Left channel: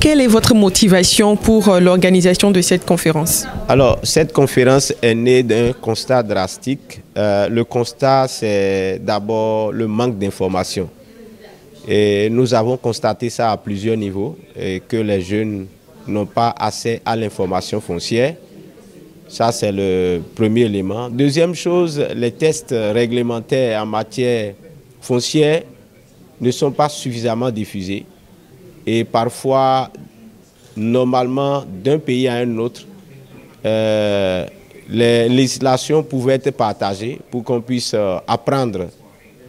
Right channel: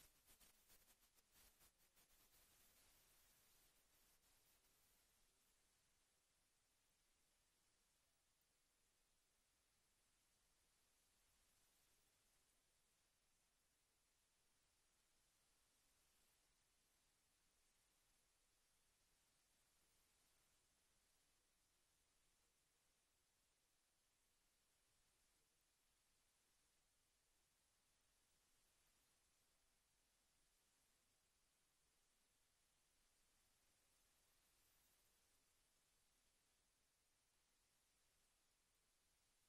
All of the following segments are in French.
Quelle est votre motivation pour l'organisation de cette conférence? Alors, cette conférence est née d'un constat drastique. Le constat, c'est d'abord le manque d'information. Et nous avons constaté ça à plusieurs niveaux, et que les jeunes n'ont pas accès à l'information foncière. Ça, c'est le premier élément. Deuxième chose, les tests réglementaires en matière foncière ne sont pas suffisamment diffusés. Et parfois, normalement, d'un pays à un autre, les législations pouvaient être partagées pour qu'on puisse apprendre,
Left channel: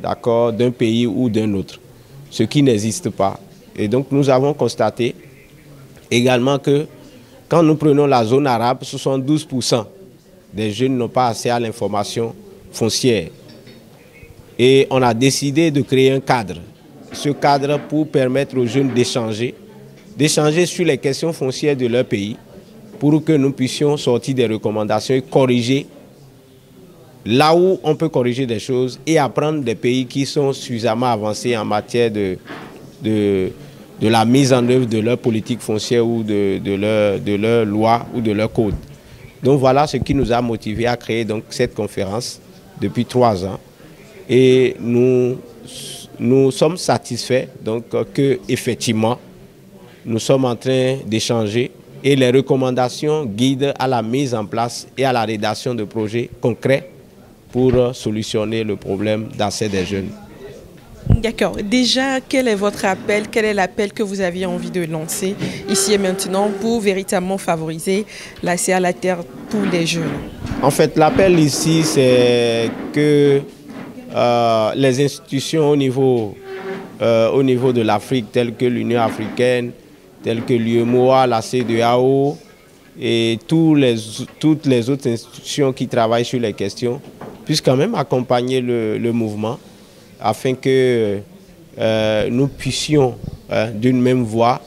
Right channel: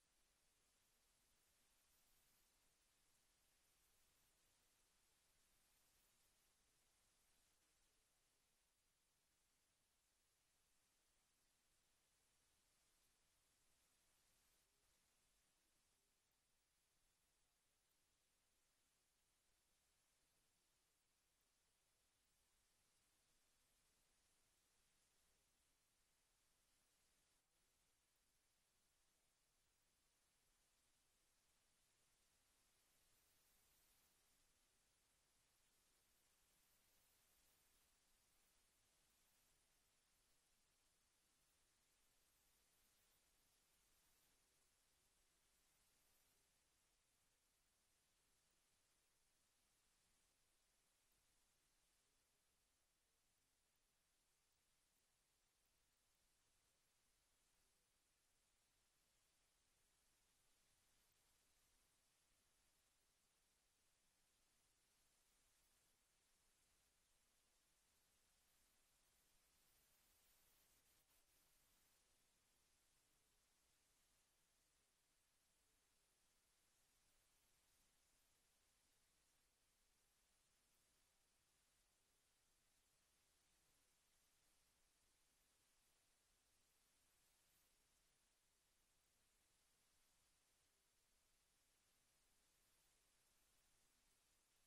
d'accord, d'un pays ou d'un autre, ce qui n'existe pas. Et donc, nous avons constaté également que quand nous prenons la zone arabe, 72% des jeunes n'ont pas accès à l'information foncière. Et on a décidé de créer un cadre. Ce cadre pour permettre aux jeunes d'échanger sur les questions foncières de leur pays, pour que nous puissions sortir des recommandations et corriger là où on peut corriger des choses et apprendre des pays qui sont suffisamment avancés en matière de la mise en œuvre de leur politique foncière ou de leur loi ou de leur code. Donc voilà ce qui nous a motivés à créer donc cette conférence depuis 3 ans. Et nous sommes satisfaits donc que effectivement nous sommes en train d'échanger et les recommandations guident à la mise en place et à la rédaction de projets concrets pour solutionner le problème d'accès des jeunes. D'accord. Déjà, quel est votre appel? Quel est l'appel que vous aviez envie de lancer ici et maintenant pour véritablement favoriser l'accès à la terre pour les jeunes? En fait, l'appel ici, c'est que les institutions au niveau de l'Afrique, telles que l'Union africaine, telles que l'UEMOA, la CEDEAO et toutes les autres institutions qui travaillent sur les questions, puissent quand même accompagner le mouvement afin que nous puissions, d'une même voix,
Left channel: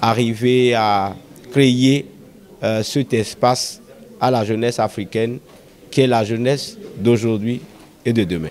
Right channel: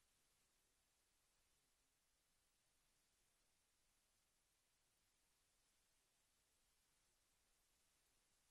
arriver à créer cet espace à la jeunesse africaine qui est la jeunesse d'aujourd'hui et de demain.